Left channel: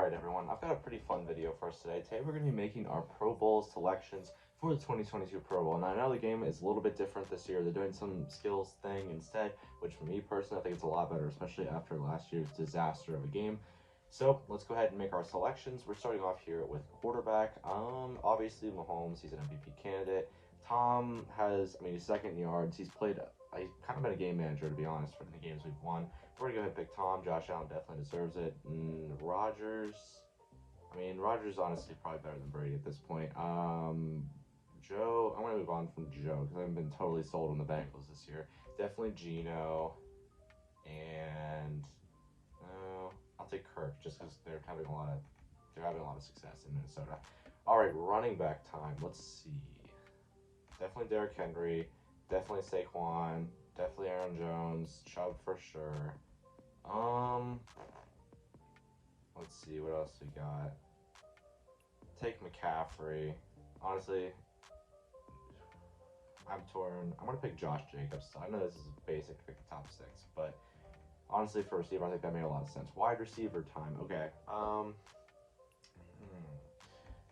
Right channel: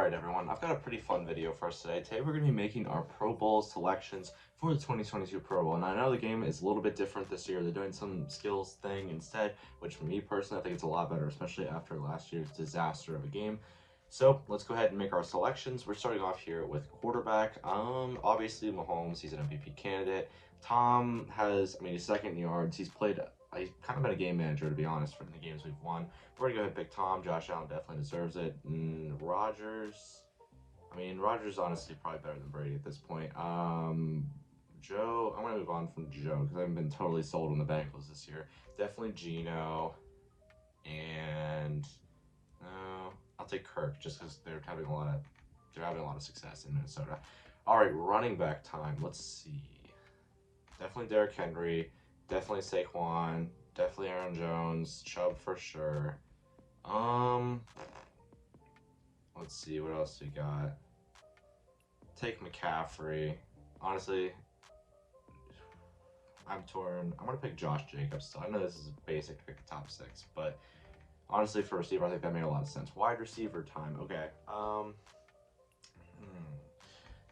Alright everyone, I've got a pretty fun video for us today. Today we're going to be making our Pro Bowl selections for the 2022 Pro Bowl. And I know the game is a little bit different this year. They're doing some skills thing instead, which for me personally I think it's a lot better, especially after last year's disaster of a game. So let's go ahead and make our selections. We're starting off here with quarterback. Obviously Mahomes, he's an MVP candidate. Tom has, he's second in yards. He's kind of been a game manager, to be honest, for the games we've won. We're going to go ahead and pick Tom. Josh Allen definitely deserves it. Rodgers, Rodgers honestly probably better than Brady at this point. Joe, I'm going to move on from Joe because I haven't been totally sold on the Bengals this year. Definitely Geno. And no, I'll take Kirk just because they're having a lot of success in Minnesota. All right, running back time. Let's see. Definitely Derrick Henry. Definitely Saquon. Definitely Aaron Jones. Chubb for sure. Let's see what else we got. Take McCaffrey. Honestly, I'm torn. I'm gonna pick Josh Jacobs still. I know this is basic to pick the top 6, but honestly, for receiver, I think that made a lot of sense. Wide receiver time. Okay.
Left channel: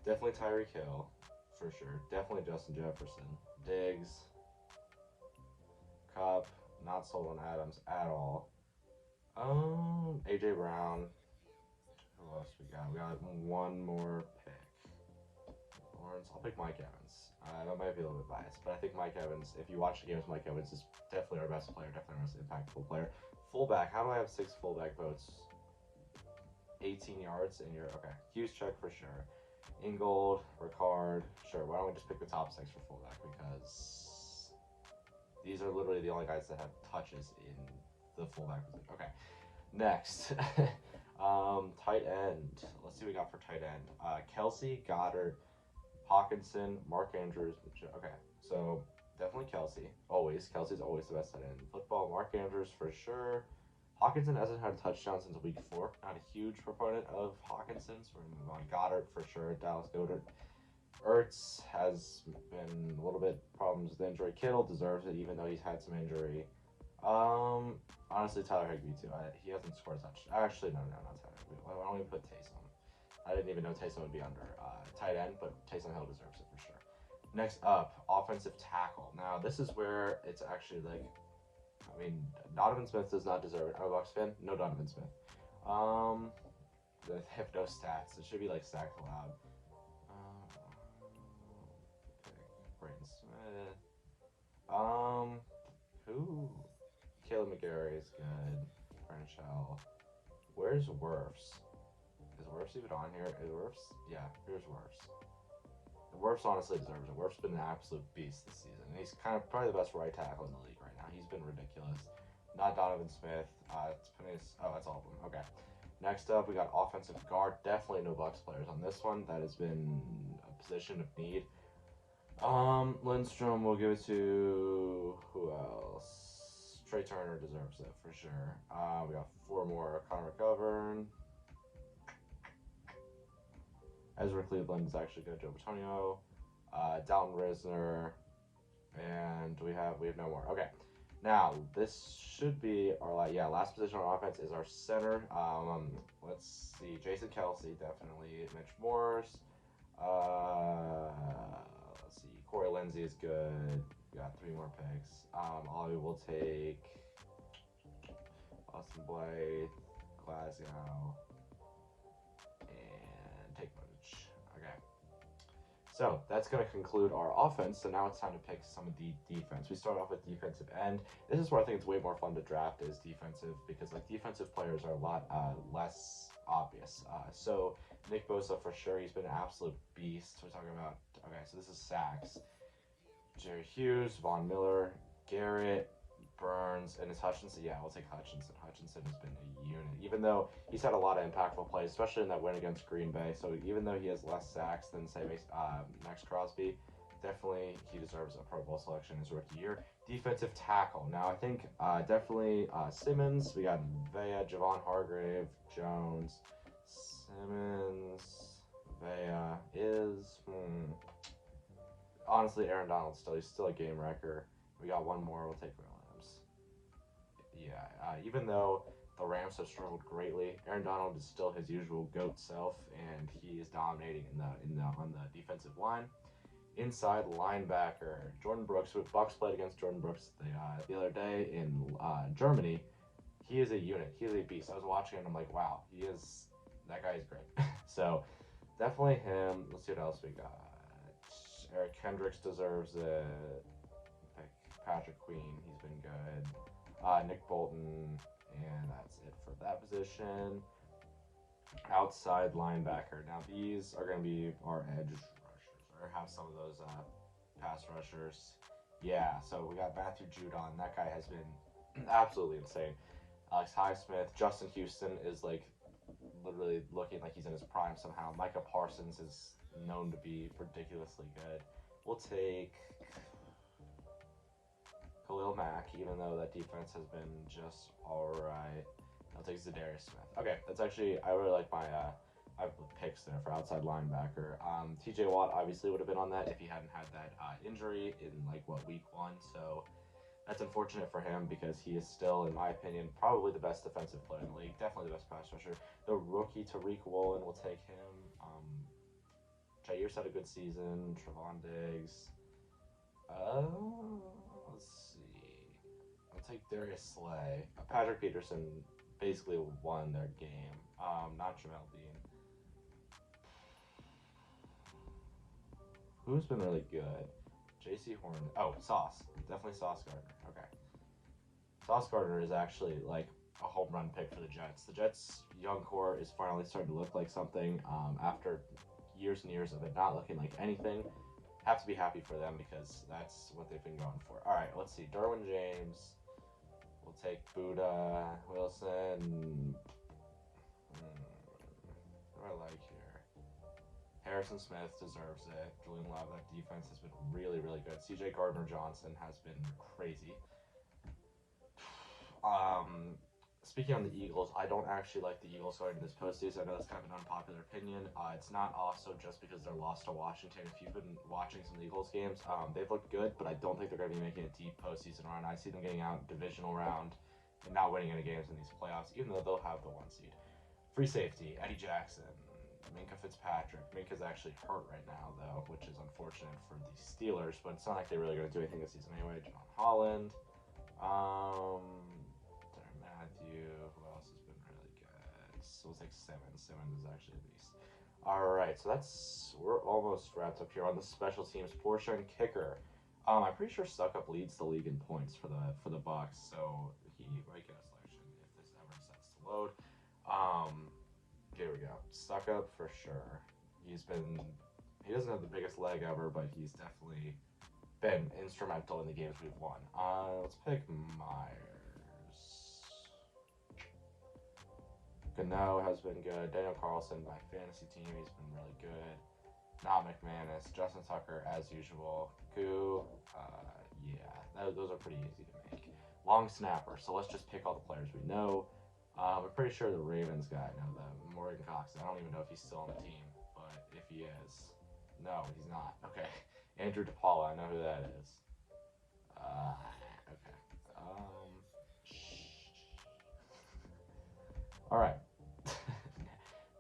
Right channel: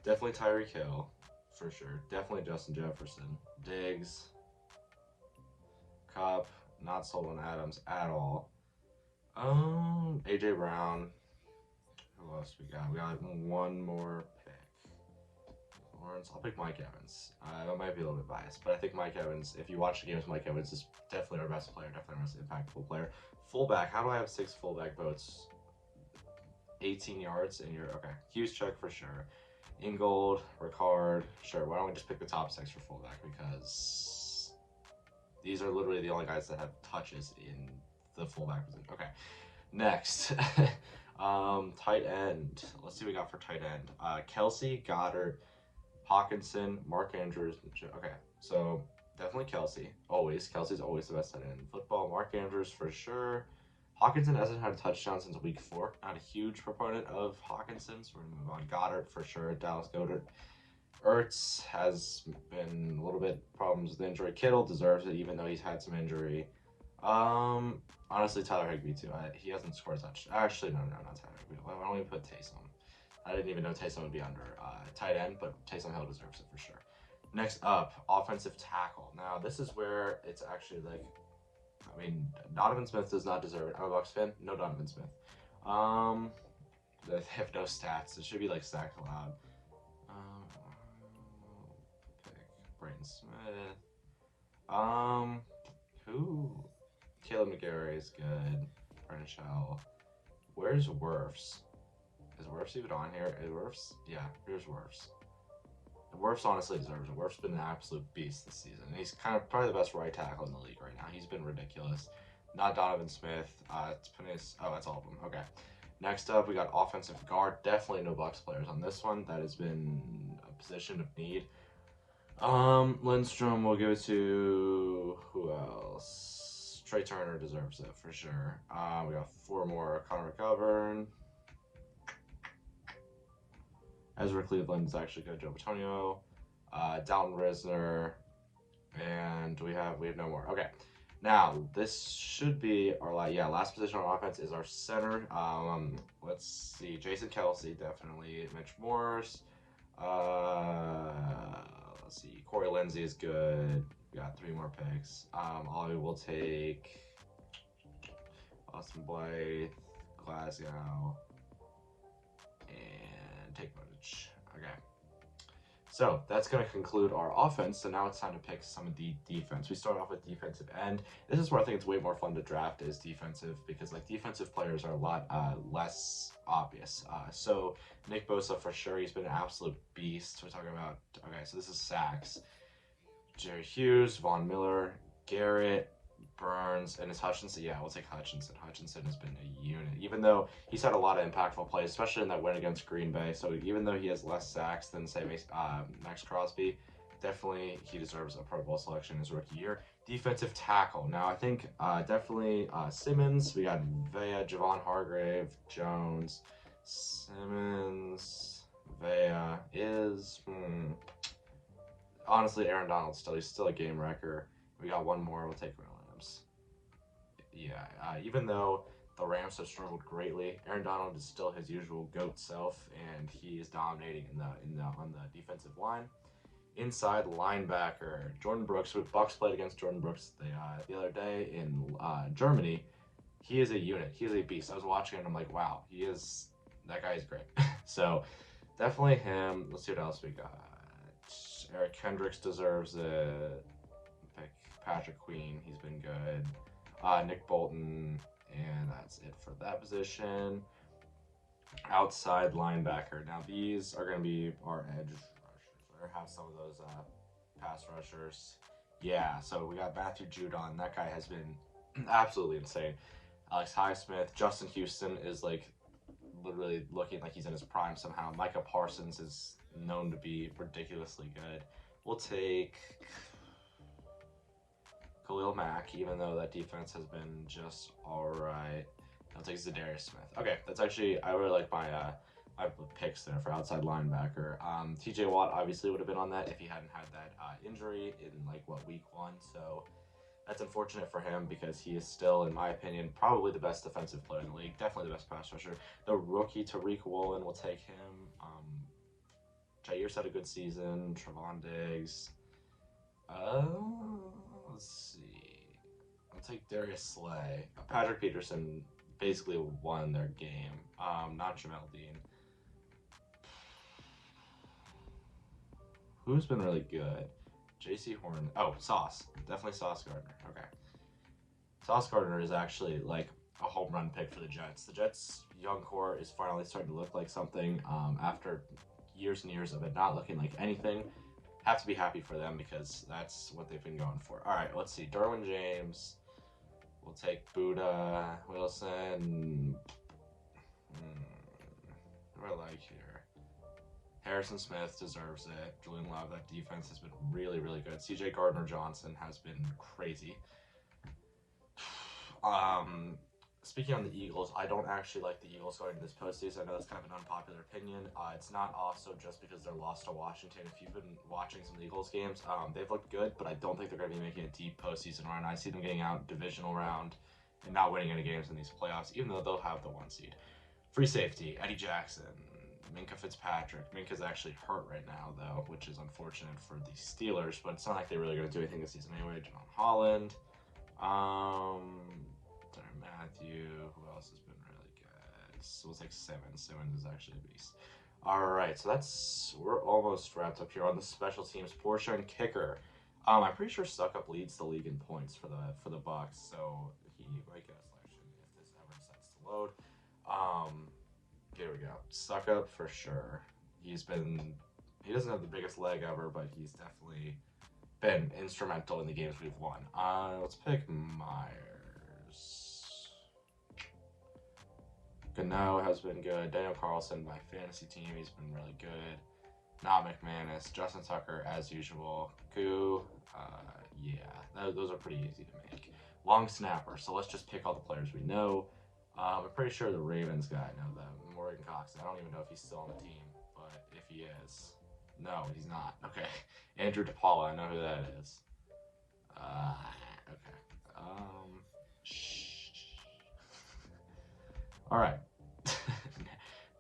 Definitely Tyreek Hill for sure. Definitely Justin Jefferson. Diggs. Cup, not sold on Adams at all. AJ Brown. Who else we got? We got one more pick. Lawrence. I'll pick Mike Evans. I might be a little bit biased, but I think Mike Evans, if you watch the games, Mike Evans is definitely our best player, definitely our most impactful player. Fullback. How do I have 6 fullback votes? 18 yards and you're okay. Hughes check for sure. Ingold, Ricard. Sure. Why don't we just pick the top 6 for fullback because these are literally the only guys that have touches in the fullback position. Okay, next. Tight end. Let's see what we got for tight end. Kelsey, Goddard, Hawkinson, Mark Andrews. Okay, so definitely Kelsey. Always. Kelsey's always the best tight end in football. Mark Andrews for sure. Hawkinson hasn't had a touchdown since week 4. Not a huge proponent of Hawkinson, so we're going to move on. Goddard for sure. Dallas Goedert. Ertz has been a little bit problems with injury. Kittle deserves it, even though he's had some injury. Honestly, Tyler Higbee too. He hasn't scored a touchdown. Actually, no, not Tyler Higbee. Why don't we put Taysom? I didn't even know Taysom would be under tight end, but Taysom Hill deserves it for sure. Next up, offensive tackle. Now, this is where it's actually like, Donovan Smith does not deserve it. I'm a Bucs fan. No Donovan Smith. They have no stats. It should be like stacked aloud. Brayton Smith. Who? Caleb McGarry is good. Brandon Shell. Where's Wirfs? Is Wirfs even on here? Is Wirfs? Yeah, here's Wirfs. Wirfs honestly deserves it. Wirfs been an absolute beast this season. He's probably the best right tackle in the league right now. He's been ridiculous. Not Donovan Smith. It's Pennis. Oh, that's all of them. Okay. Next up, we got offensive guard. Definitely no Bucs players on this one. That has been a position of need. Lindstrom, we'll give it to who else? Trey Turner deserves it for sure. We got 4 more. Connor McGovern. Ezra Cleveland is actually good. Joe Batonio. Dalton Risner. And we have no more. Okay. Now, this should be our last position on offense is our center. Let's see. Jason Kelsey, definitely. Mitch Morse. Let's see. Corey Lindsey is good. We got 3 more picks. Ollie will take Austin Blythe, Glasgow, and take footage. Okay. So that's going to conclude our offense. So now it's time to pick some of the defense. We start off with defensive end. This is where I think it's way more fun to draft is defensive because defensive players are a lot less obvious. So Nick Bosa for sure. He's been an absolute beast. We're talking about, okay, so this is sacks. Jerry Hughes, Von Miller, Garrett, Burns, and it's Hutchinson. Yeah, we'll take Hutchinson. Hutchinson has been a unit, even though he's had a lot of impactful plays, especially in that win against Green Bay. So even though he has less sacks than, say, Max Crosby, definitely he deserves a Pro Bowl selection in his rookie year. Defensive tackle. Now, I think definitely Simmons. We got Vea, Javon Hargrave, Jones, Simmons, Vea is... Honestly, Aaron Donald he's still a game wrecker. We got one more. We'll take Williams. Yeah, even though the Rams have struggled greatly. Aaron Donald is still his usual GOAT self, and he is dominating on the defensive line. Inside linebacker, Jordan Brooks. Bucks played against Jordan Brooks the other day in Germany. He is a unit. He is a beast. I was watching and I'm like, wow, that guy is great. So definitely him. Let's see what else we got. Eric Kendricks deserves it. Pick Patrick Queen. He's been good. Nick Bolton, and that's it for that position. Outside linebacker. Now these are going to be our edge rushers, or have some of those pass rushers. Yeah, so we got Matthew Judon. That guy has been absolutely insane. Alex Highsmith. Justin Houston is like literally looking like he's in his prime somehow. Micah Parsons is known to be ridiculously good. We'll take Khalil Mack, even though that defense has been just alright. I'll take Zadarius Smith. Okay, that's actually, I really like my picks there for outside linebacker. TJ Watt obviously would have been on that if he hadn't had that injury in week 1. So that's unfortunate for him because he is still, in my opinion, probably the best defensive player in the league. Definitely the best pass rusher. The rookie Tariq Woolen will take him. Jair's had a good season. Trevon Diggs. Let's see. I'll take Darius Slay. Patrick Peterson basically won their game. Not Jamel Dean. Who's been really good? J.C. Horn. Oh, Sauce. Definitely Sauce Gardner. Okay. Sauce Gardner is actually like a home run pick for the Jets. The Jets' young core is finally starting to look like something after years and years of it not looking like anything. Have to be happy for them because that's what they've been going for. All right, let's see. Derwin James. We'll take Buddha Wilson. What do I like here? Harrison Smith deserves it. Julian Love, that defense has been really, really good. CJ Gardner-Johnson has been crazy. Speaking on the Eagles, I don't actually like the Eagles going to this postseason. I know that's kind of an unpopular opinion. It's not also just because they're lost to Washington. If you've been watching some Eagles games, they've looked good, but I don't think they're going to be making a deep postseason run. I see them getting out divisional round and not winning any games in these playoffs, even though they'll have the 1 seed. Free safety, Eddie Jackson, Minka Fitzpatrick. Minka's actually hurt right now, though, which is unfortunate for the Steelers, but it's not like they're really going to do anything this season anyway. Javon Holland. Matthew, who else has been really good? So we'll take Simmons. Simmons is actually a beast. All right, so we're almost wrapped up here on the special teams portion. Kicker. I'm pretty sure Suckup leads the league in points for the Bucks, so he might get a selection if this ever starts to load. Here we go. Suckup for sure. He doesn't have the biggest leg ever, but he's definitely been instrumental in the games we've won. Let's pick Myers. Gano has been good. Daniel Carlson, my fantasy team, he's been really good. Not McManus. Justin Tucker, as usual. Koo, yeah, those are pretty easy to make. Long snapper, so let's just pick all the players we know. I'm pretty sure the Ravens guy, I know them. Morgan Cox, I don't even know if he's still on the team, but if he is, no, he's not. Okay. Andrew DePaula, I know who that is. Okay. All right.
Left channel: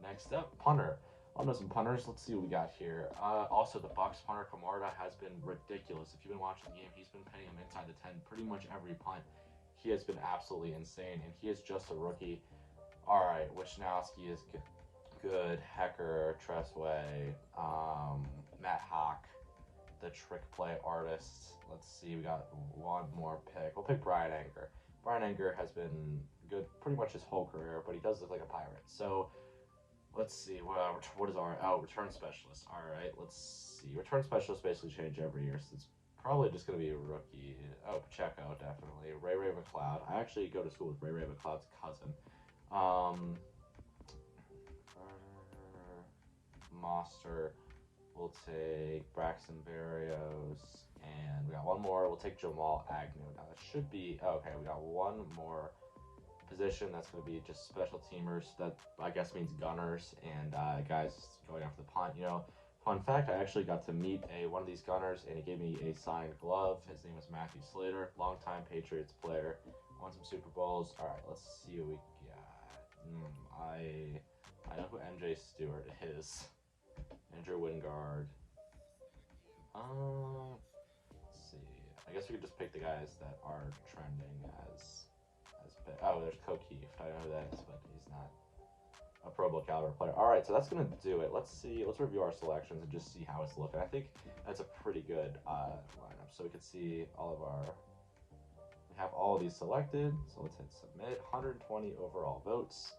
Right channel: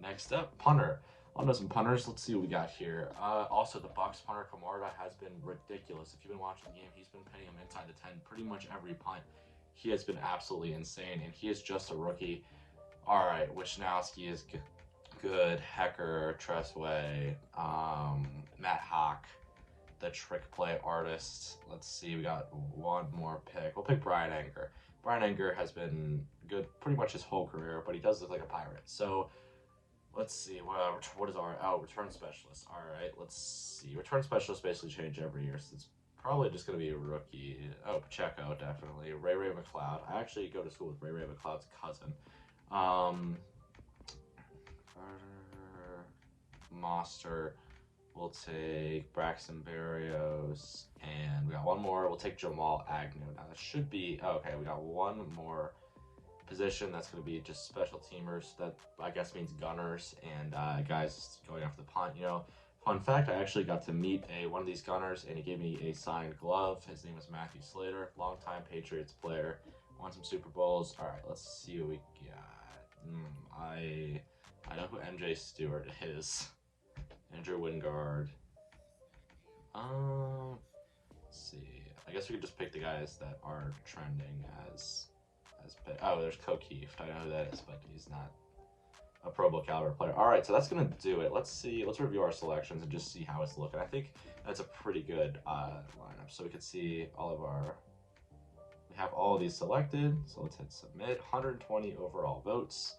Next up, punter. I'll know some punters. Let's see what we got here. Also, the Bucks punter Camarda has been ridiculous. If you've been watching the game, he's been pinning him inside the 10 pretty much every punt. He has been absolutely insane, and he is just a rookie. All right, Wisnowski is good. Hecker, Tressway, Matt Hawk, the trick play artist. Let's see, we got one more pick. We'll pick Brian Anger. Brian Anger has been good pretty much his whole career, but he does look like a pirate. So let's see, what is our return specialist? All right, let's see. Return specialists basically change every year, so it's probably just going to be a rookie. Oh, Pacheco, definitely. Ray McLeod. I actually go to school with Ray McLeod's cousin. Monster. We'll take Braxton Berrios, and we got one more. We'll take Jamal Agnew. Now that should be okay. We got one more position that's going to be just special teamers. That I guess means gunners and guys going after the punt. You know, fun fact: I actually got to meet one of these gunners, and he gave me a signed glove. His name was Matthew Slater, longtime Patriots player. I want some Super Bowls. All right, let's see what we got. I know who MJ Stewart is. Andrew Wingard. Let's see. I guess we could just pick the guys that are trending as pick. Oh, there's O'Keefe. I know who that is, but he's not a Pro Bowl caliber player. All right, so that's gonna do it. Let's see. Let's review our selections and just see how it's looking. I think that's a pretty good lineup. So we could see all of our. We have all of these selected. So let's hit submit. 120 overall votes.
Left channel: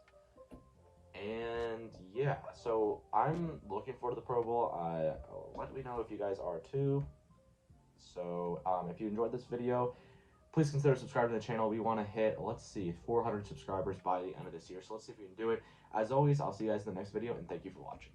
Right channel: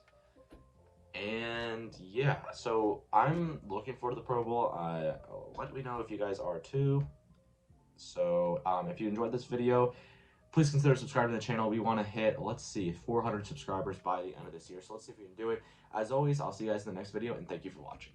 And yeah, so I'm looking forward to the Pro Bowl. Let me know if you guys are too. So if you enjoyed this video, please consider subscribing to the channel. We want to hit, let's see, 400 subscribers by the end of this year. So let's see if we can do it. As always, I'll see you guys in the next video, and thank you for watching.